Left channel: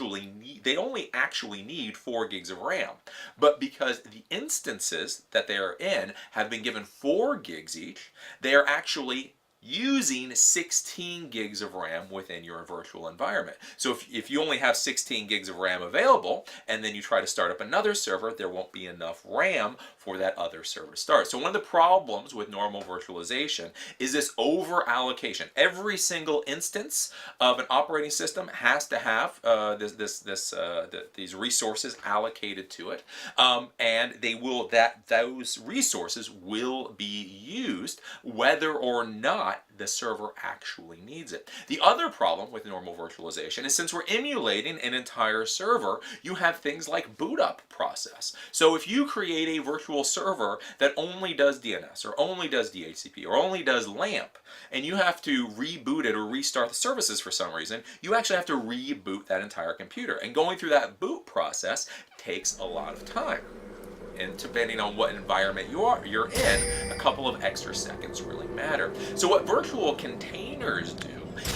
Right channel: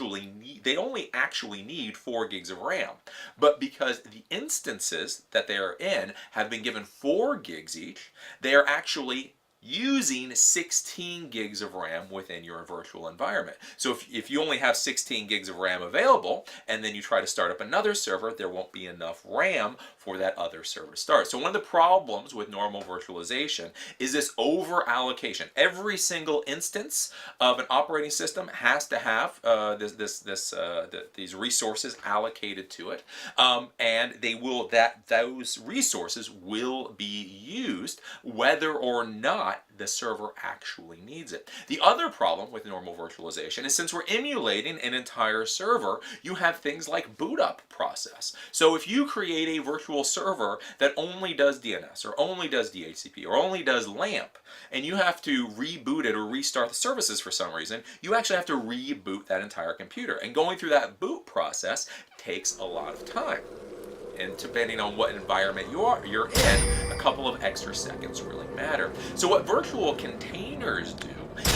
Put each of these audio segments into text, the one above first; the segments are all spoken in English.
only actually need 4 gigs of RAM. But because the instances that they are in have been given 4 gigs each, they are actually using 16 gigs of RAM within your virtual environment. So if you only have 16 gigs of RAM available, and then you try to start up another server, there won't be enough RAM for that other server to start. So one of the problems with normal virtualization is this over allocation. Every single instance of an operating system has to have these resources allocated to it, and those resources will be used whether or not the server actually needs it. The other problem with normal virtualization is, since we're emulating an entire server, you have things like boot up process. So if you create a virtual server that only does DNS or only does DHCP or only does LAMP, and you have to reboot it or restart the services for some reason, you actually have to reboot that entire computer. And going through that boot process takes a lot of time. And depending on what environment you're in, a couple of extra seconds really matter. So what virtual containers do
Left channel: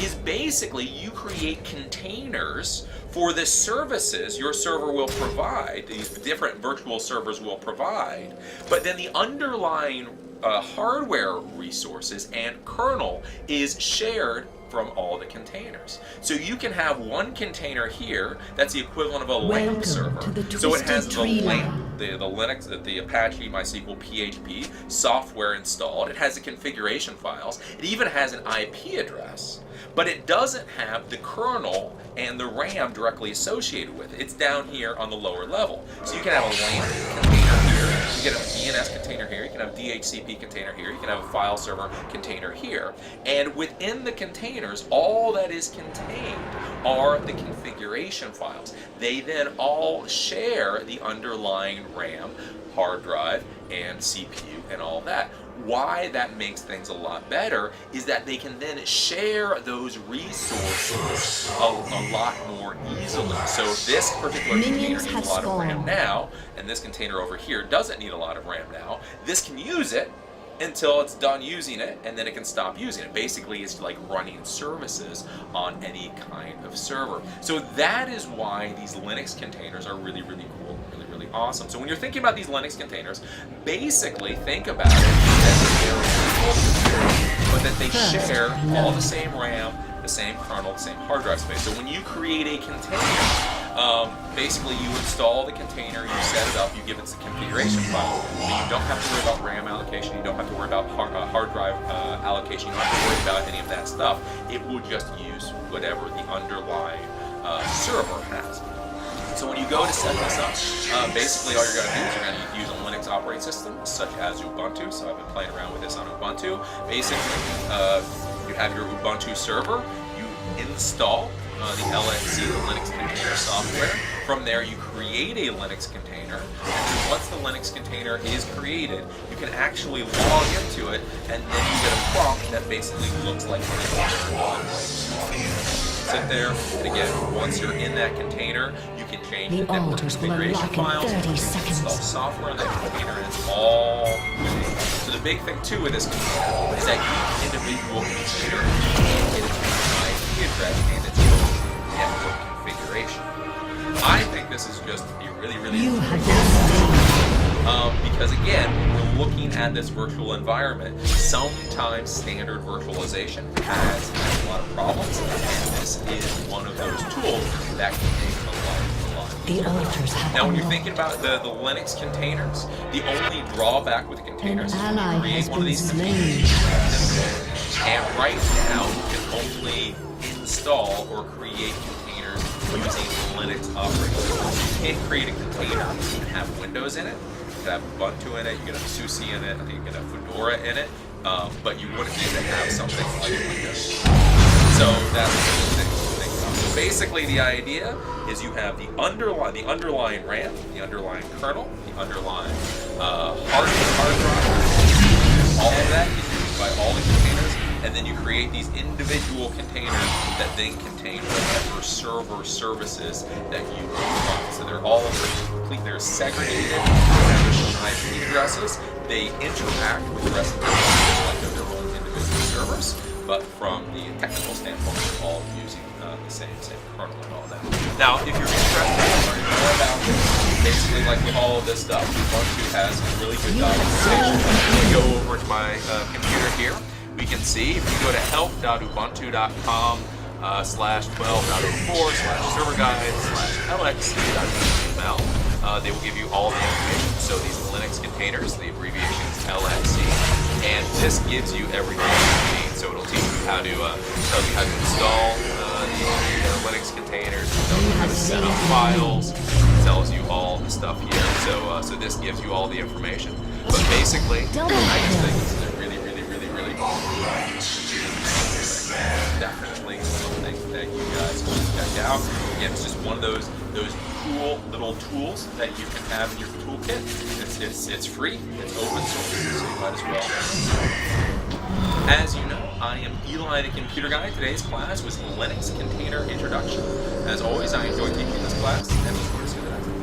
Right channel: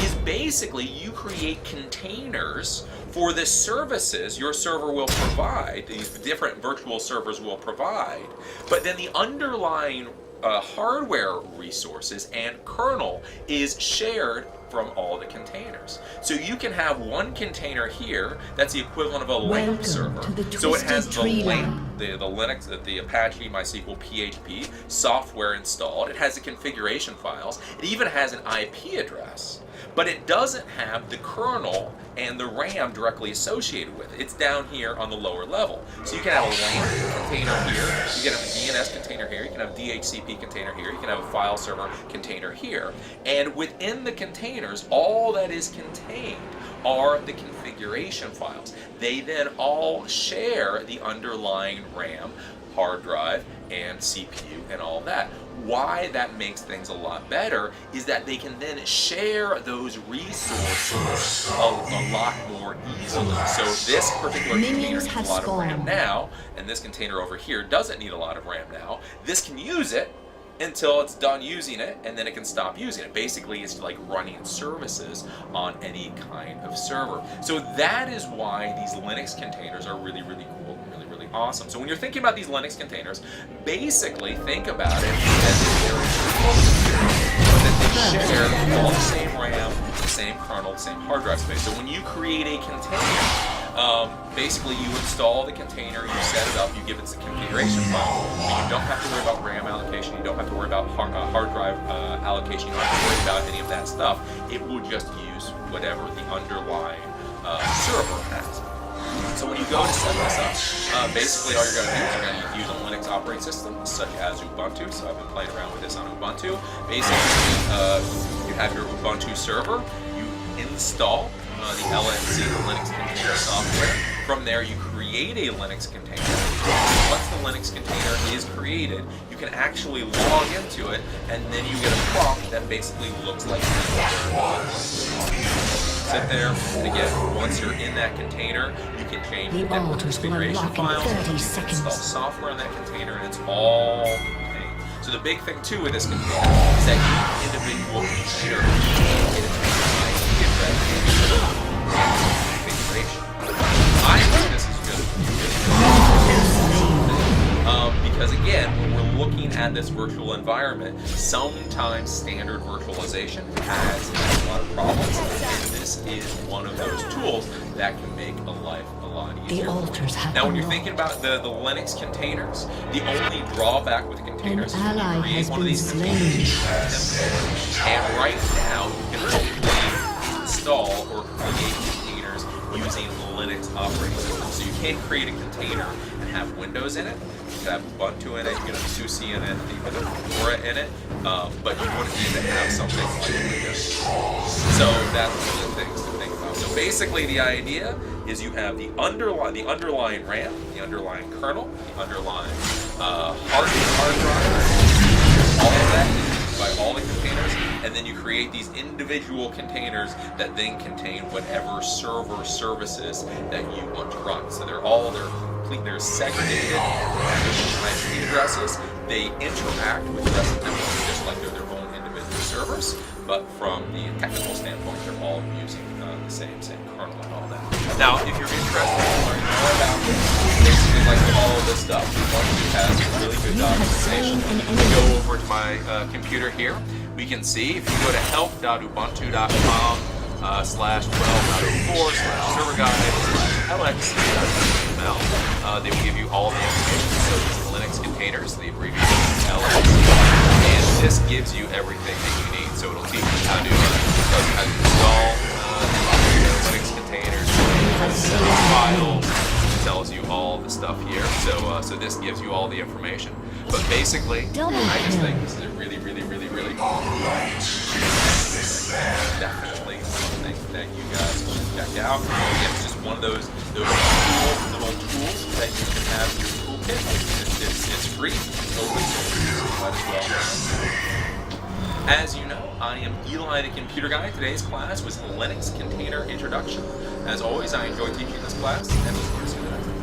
is basically you create containers for the services your server will provide, these different virtual servers will provide, but then the underlying hardware resources and kernel is shared from all the containers. So you can have one container here that's the equivalent of a LAMP server. So it has the LAMP, the Linux, the Apache MySQL PHP software installed. It has the configuration files. It even has an IP address. But it doesn't have the kernel and the RAM directly associated with it. It's down here on the lower level. So you can have a LAMP container here, you can have a DNS container here, you can have a DHCP container here, you can have a file server container here. And within the containers, all that is contained are the configuration files. They then all share the underlying RAM, hard drive, and CPU and all that. Why that makes things a lot better is that they can then share those resources a lot more easily. So if this particular container needs a lot of RAM now, and this container over here doesn't need a lot of RAM now, this can use it until it's done using it, and then it can stop using it. Basically, it's like running services on any kind of server. So that is why these Linux containers are really, really cool and really, really awesome. So when you're thinking about these Linux containers, basically think about it as if they're a virtual computer, but that they share all the same RAM, the same kernel, the same hard drive space. So when you create a container, basically you install the container, you set it up, you give it the configuration files, but you don't have to worry about RAM allocation, you don't have to worry about hard drive allocation, you don't have to worry about any of that stuff. It will just use whatever the underlying server has. So when you go to set this up, basically all you're going to do is you're going to use a Linux operating system such as Ubuntu. So I've been playing around with this on Ubuntu. Basically, you have your Ubuntu server, you install the LNC, the Linux container software. From there, you create a Linux container. Once the Linux container is created, you can actually log into it, and then you get a prompt that basically looks like any other Linux client. Sit there, and again, once you're in that container, you can change the network configuration files, you can install software in that container, and it's all contained. So the big thing too with this container is that each individual container can get its own IP address and its own network configuration. I think this is just really, really interesting. Because again, when we're looking at this virtual environment, sometimes standard virtualization has a lot of problems, and this is one of those tools that can make the life a lot easier. Now, when you're thinking about the Linux containers, the only drawback with the containers is when you create one of these containers, you can them. And right now, you can only install or create containers using Linux operating system. So you can't create a container and have Windows in it. You can have Ubuntu in it, you can have SUSE in it, you can have Fedora in it, but you wouldn't need to have something like Windows. So that's one of the things to think about. So basically the idea is you have the underlying RAM, the underlying kernel, the underlying hard drive, all of that is used by all the containers, and then you create these individual containers that then contain whatever server services that you want to run. So they're segregated, and there's no IP addresses. They interact with the rest of the network just like they're their own individual servers, but from the technical standpoint, they're all using same kernel and all that. Now, if you're interested in learning more about basically like all of this stuff, Ubuntu has really good documentation. When we go over to my computer here, we can see if you go to help.ubuntu.com/12.04/server guide/lxc.html, they will give you all the information. So these Linux containers, the abbreviation is LXC, and this gives you everything you need. So it'll teach you how to tell you how to install the Linux containers, how to set up files. It tells you all the stuff here. So this gives you all the information. But basically, I just think this is a really definitely something that you guys should check out. Again, it's just one of those cool little tools that you can have in your toolkit. It's free, it's open source, so you might as well. As you know, I am Eli the Computer Guy. Today's class was Linux Container Introduction. As always, I enjoy teaching this class, and look forward to seeing you next time.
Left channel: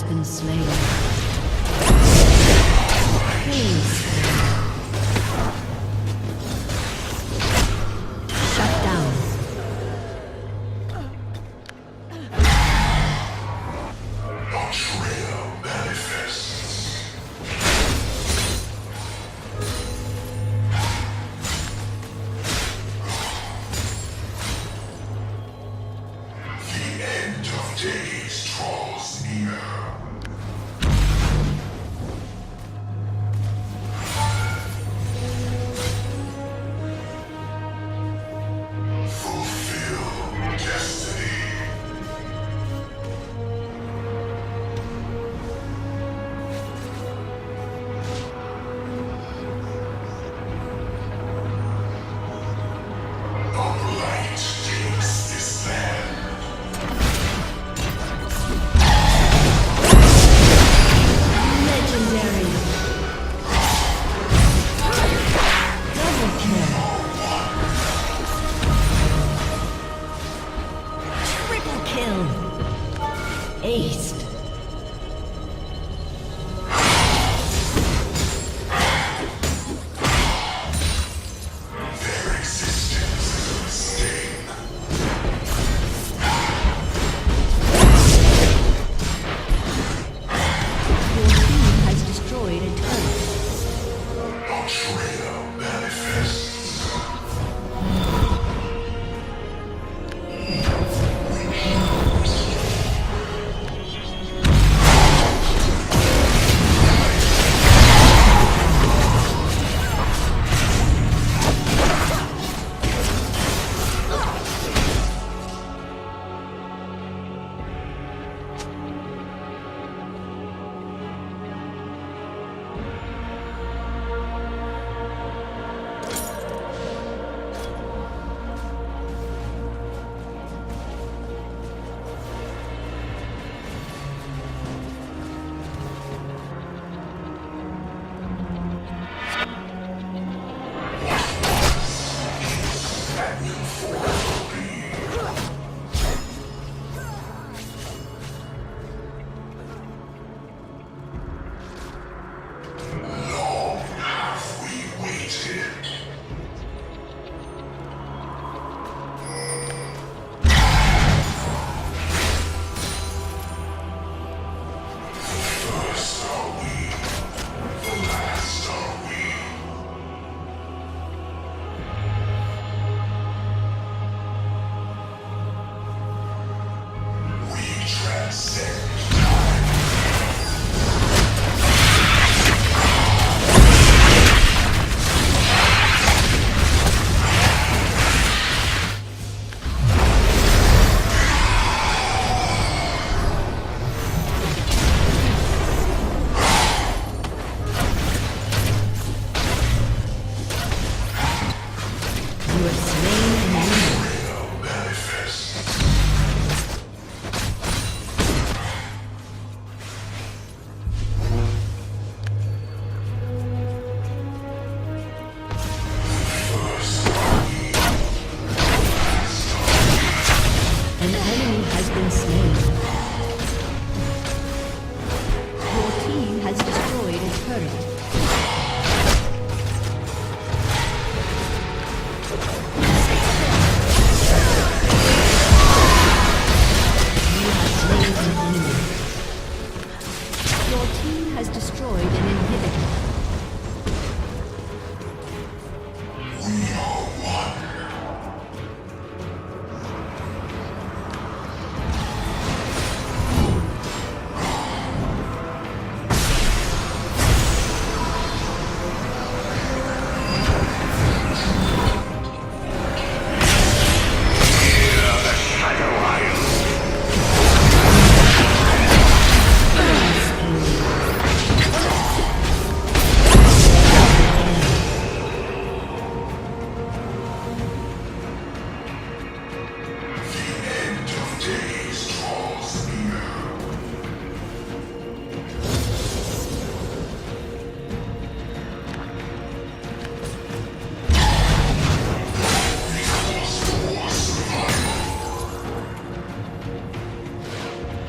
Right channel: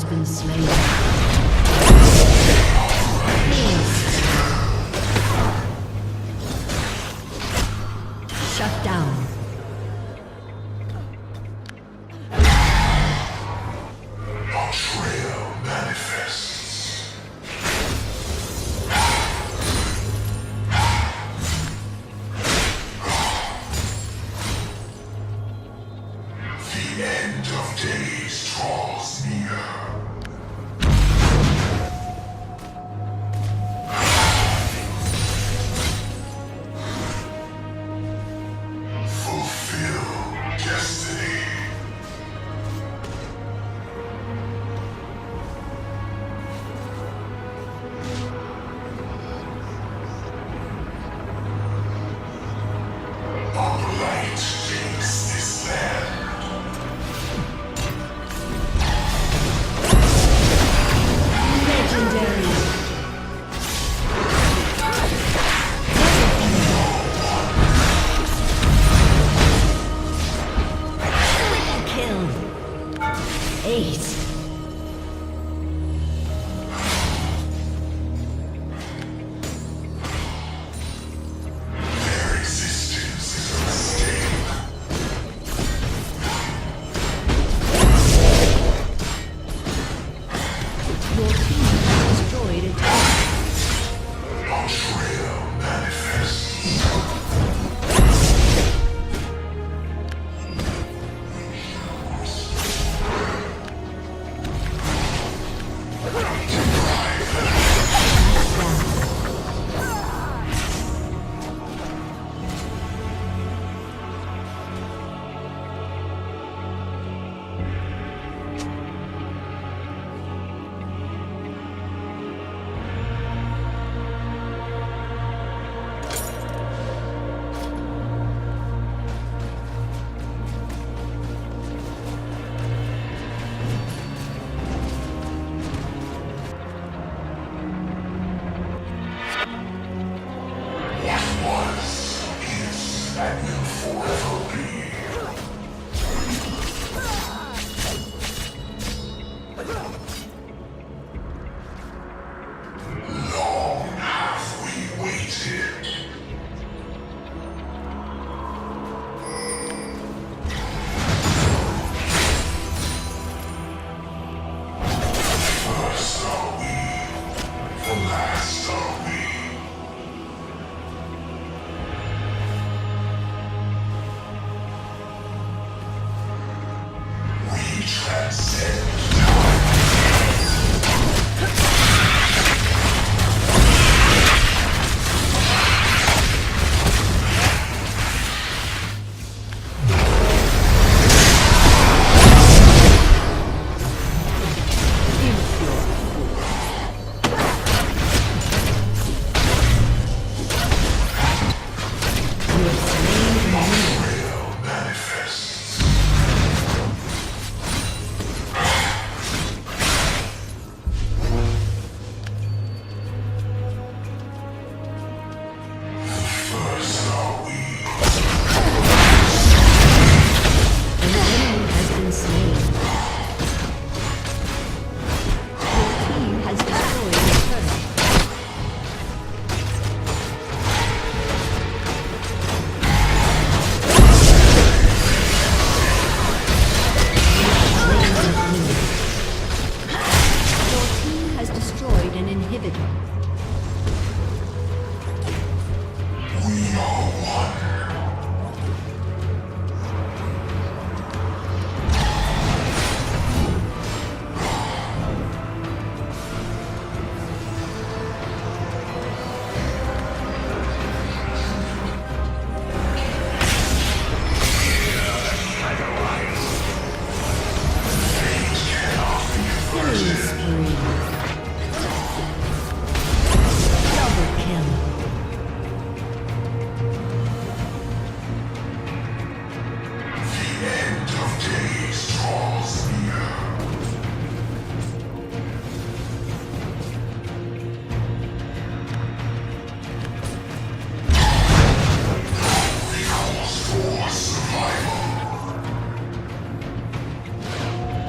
has been slain. Shut down.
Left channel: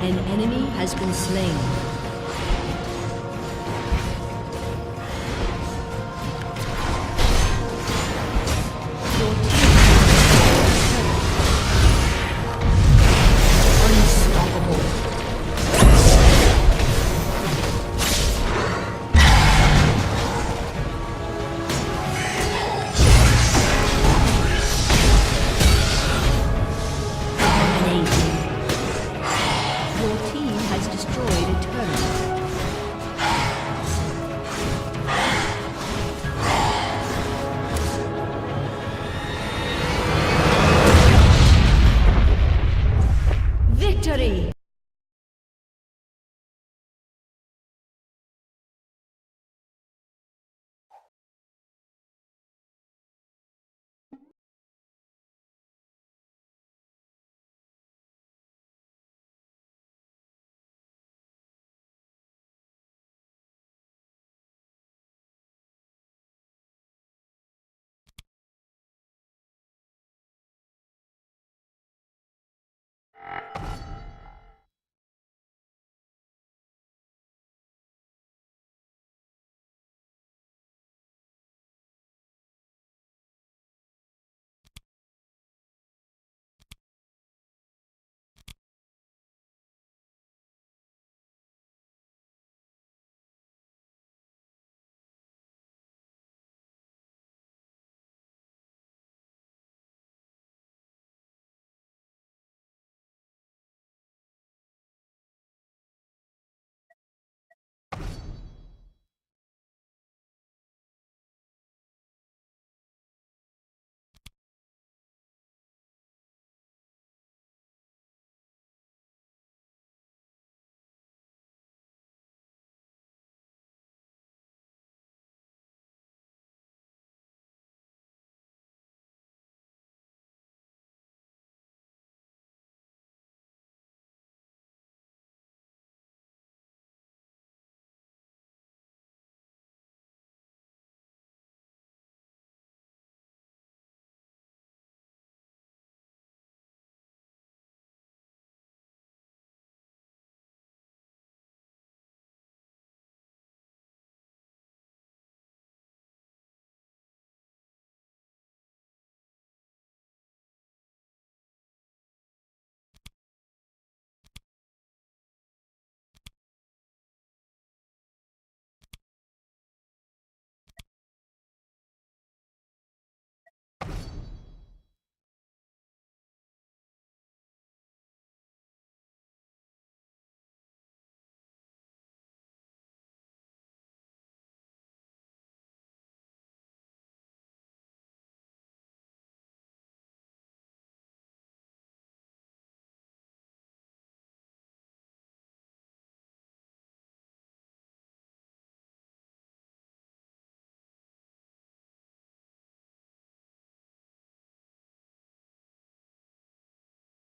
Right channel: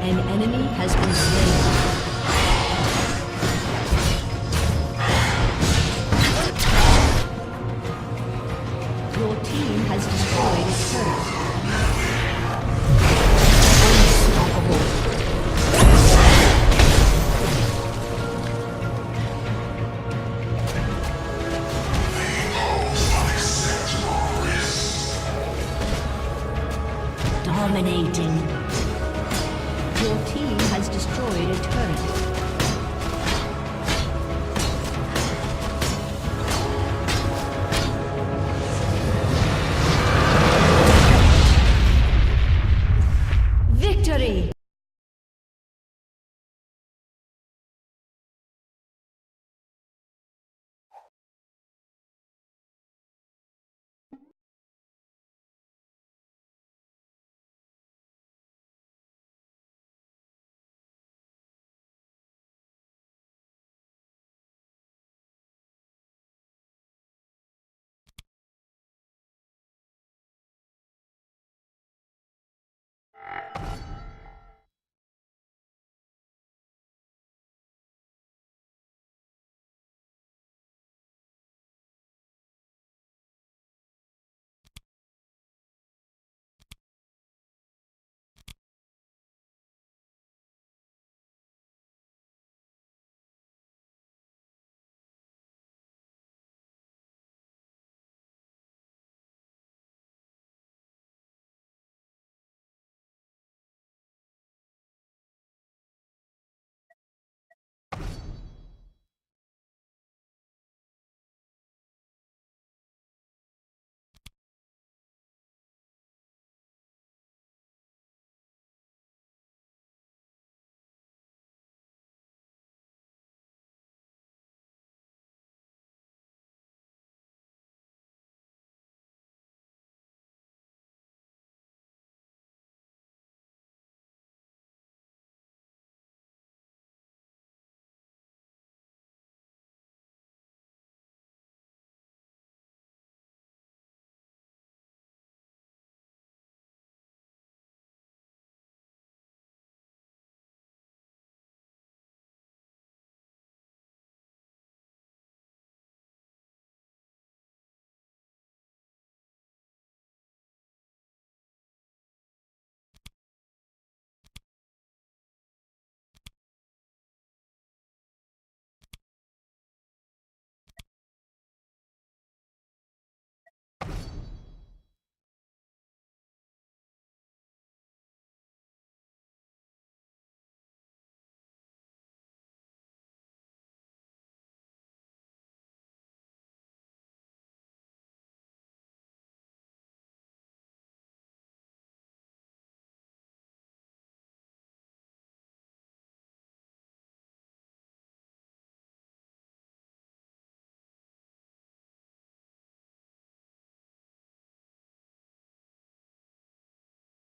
An enemy has been slain.